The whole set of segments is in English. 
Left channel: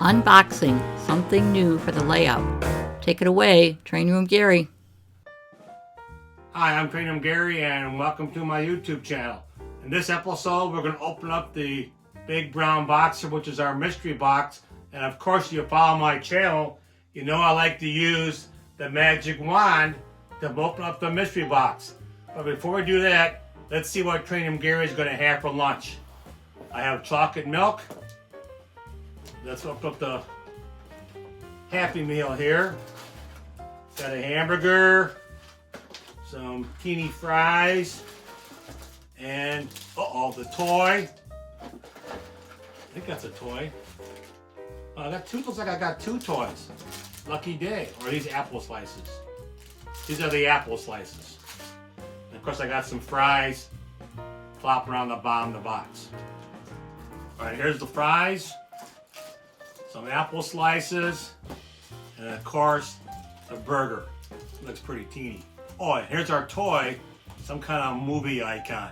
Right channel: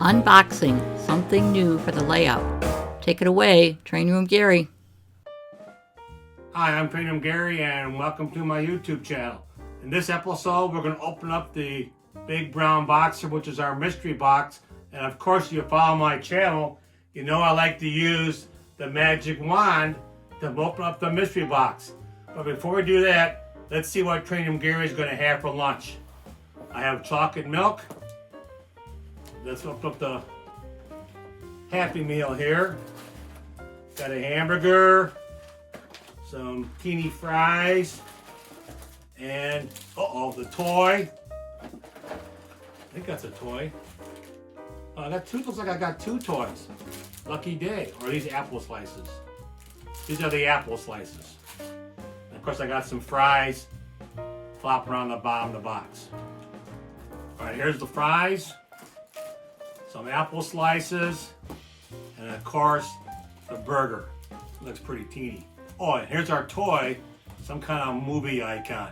Unboxing, something new for the layout. Take it away, Train Room Gary. Hi, I'm Train Room Gary and welcome to my YouTube channel. In this episode, we're going to open up the big brown box, which is our mystery box. And of course, if you follow my channel, you know I like to use the magic wand to open up the mystery box. But before we do that, let's see what Train Room Gary is going to have for lunch. I have chocolate milk. Let's open up the Happy Meal here. Got a hamburger, some teeny fries, and the toy. I think that's a toy. Looks like I got two toys. Lucky day. Or are these apple slices? These are the apple slices. And of course I got some fries flopping around the bottom of the box. Alright, here's the fries. Some apple slices, and of course, the burger. Looks pretty teeny. Oh, and here's our toy, some kind of movie icon.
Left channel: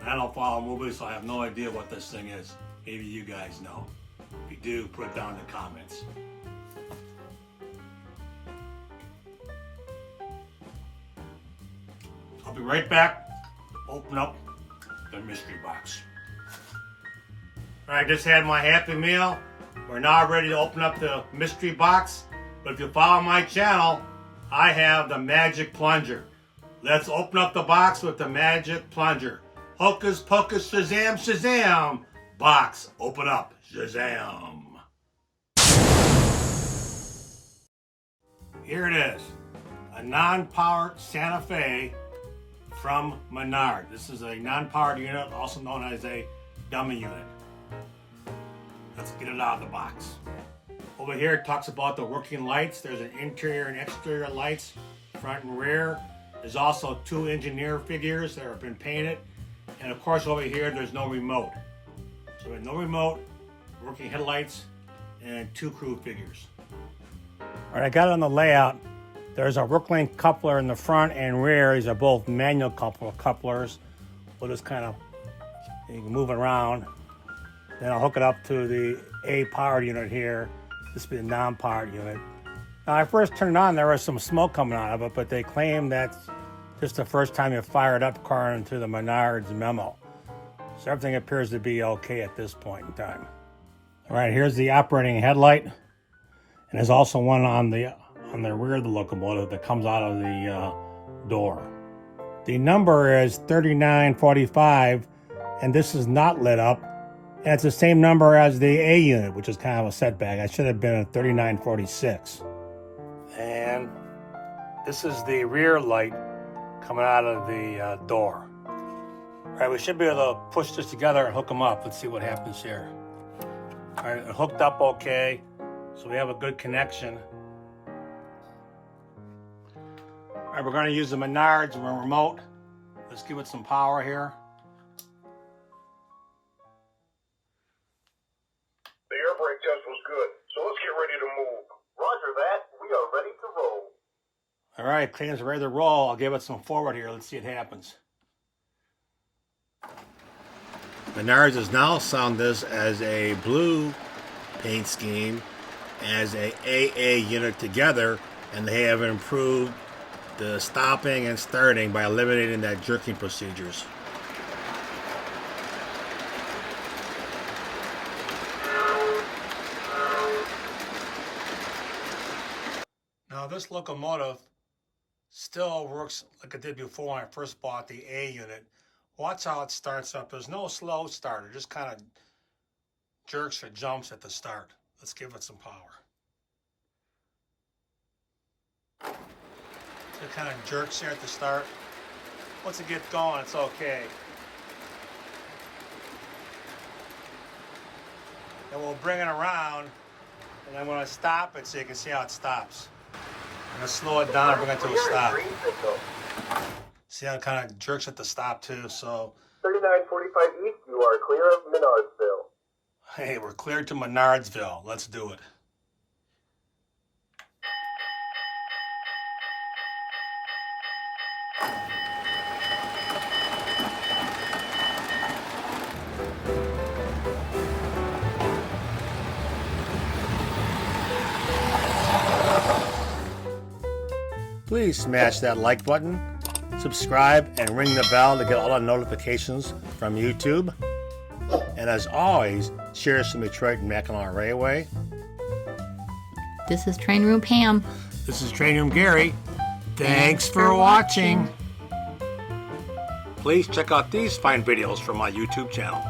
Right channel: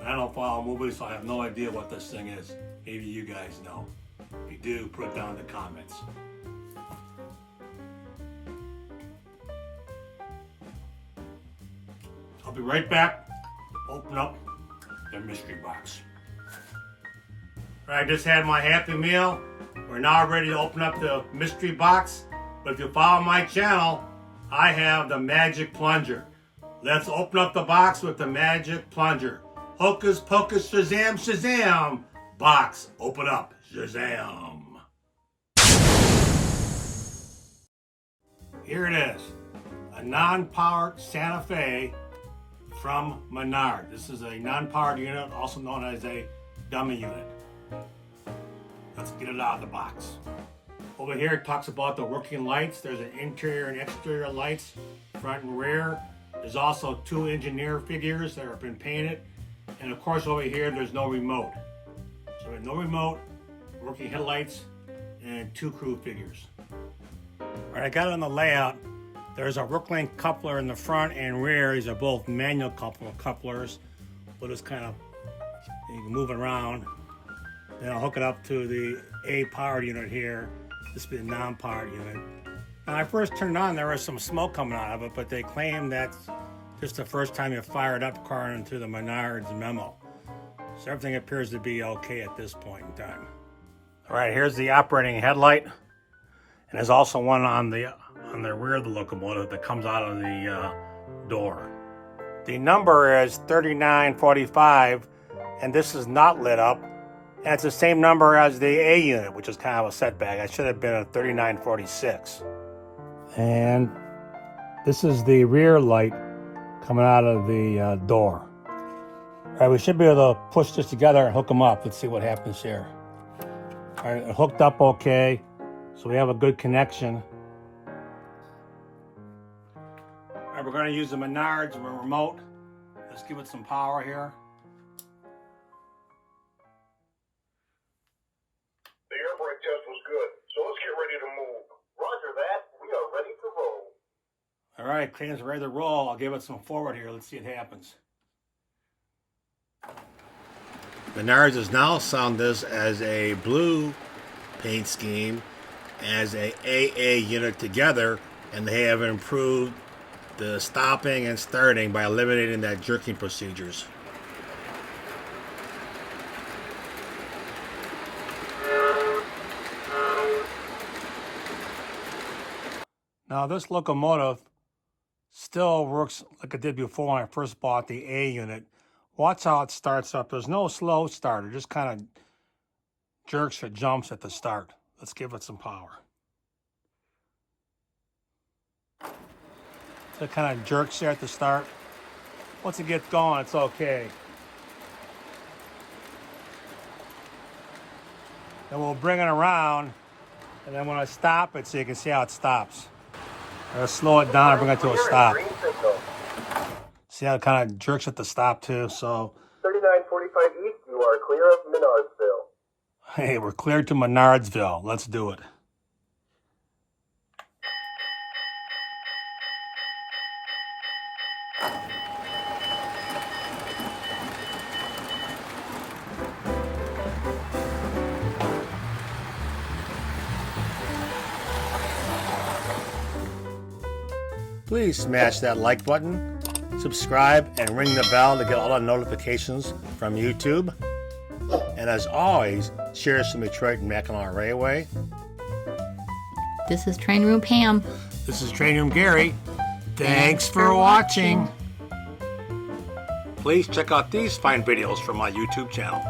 I don't follow movies, so I have no idea what this thing is. Maybe you guys know. If you do, put it down in the comments. I'll be right back. Open up the mystery box. All right, I just had my Happy Meal. We're now ready to open up the mystery box. But if you follow my channel, I have the magic plunger. Let's open up the box with the magic plunger. Hocus pocus shazam shazam. Box open up. Shazam. Here it is. A non-powered Santa Fe from Menards. This is a non-powered unit, also known as a dummy unit. Let's get it out of the box. Over here it talks about the working lights. There's an interior and exterior lights, front and rear. There's also two engineer figures that have been painted. And of course over here there's no remote. So there's no remote, working headlights, and two crew figures. Alright, I got on the layout. There's a Rooklink coupler in the front and rear. These are both manual couplers. We'll just kind of, you can move it around. Then I'll hook it up to the A powered unit here. This will be a non-powered unit. Now, I first turned it on, there was some smoke coming out of it, but they claim that's just the first time you fire it up according to the Menards memo. So everything appears to be okay at this point in time. All right, here's the operating headlight. And there's also one on the rear of the locomotive that comes out of the door. The number is 3945, and this is not lit up. And it's the same number as the A unit, which is kind of a setback. I should have been at 3946. And this is the rear light coming out of the door. All right, we should be able to push this together and hook them up. Let's see what happens here. All right, hooked up okay. So we have a good connection. All right, we're going to use the Menards remote. Let's give it some power here. The air brake test was good, so let's get ready to move. Roger that. We are ready to roll. All right, plane's ready to roll. I'll give it some forward here. Let's see what happens. Menards has now sound this as a blue paint scheme, as a AA unit together, and they have improved the stopping and starting by eliminating that jerking procedures. Now this locomotive still works like it did before when I first bought the A unit. Watch how it starts up. There's no slow start. It just kind of jerks or jumps at the start. Let's give it some power. It kind of jerks there at the start. Once it gets going, it's okay. And we'll bring it around, and then when I stop it, so you can see how it stops. Let's slow it down and bring it to a stop. See how it kind of jerks at the stop too, so. 3945 East, you are clear of Menardsville. Hey, we're cleared to Menardsville. Let's do it. please smash that like button, subscribe, and ring the bell to get all the notifications from YouTube. And as always, cheers from Detroit and Mackinac Railway. This is Train Room Pam. This is Train Room Gary. Thanks for watching. Please check out these fine videos from my YouTube channel.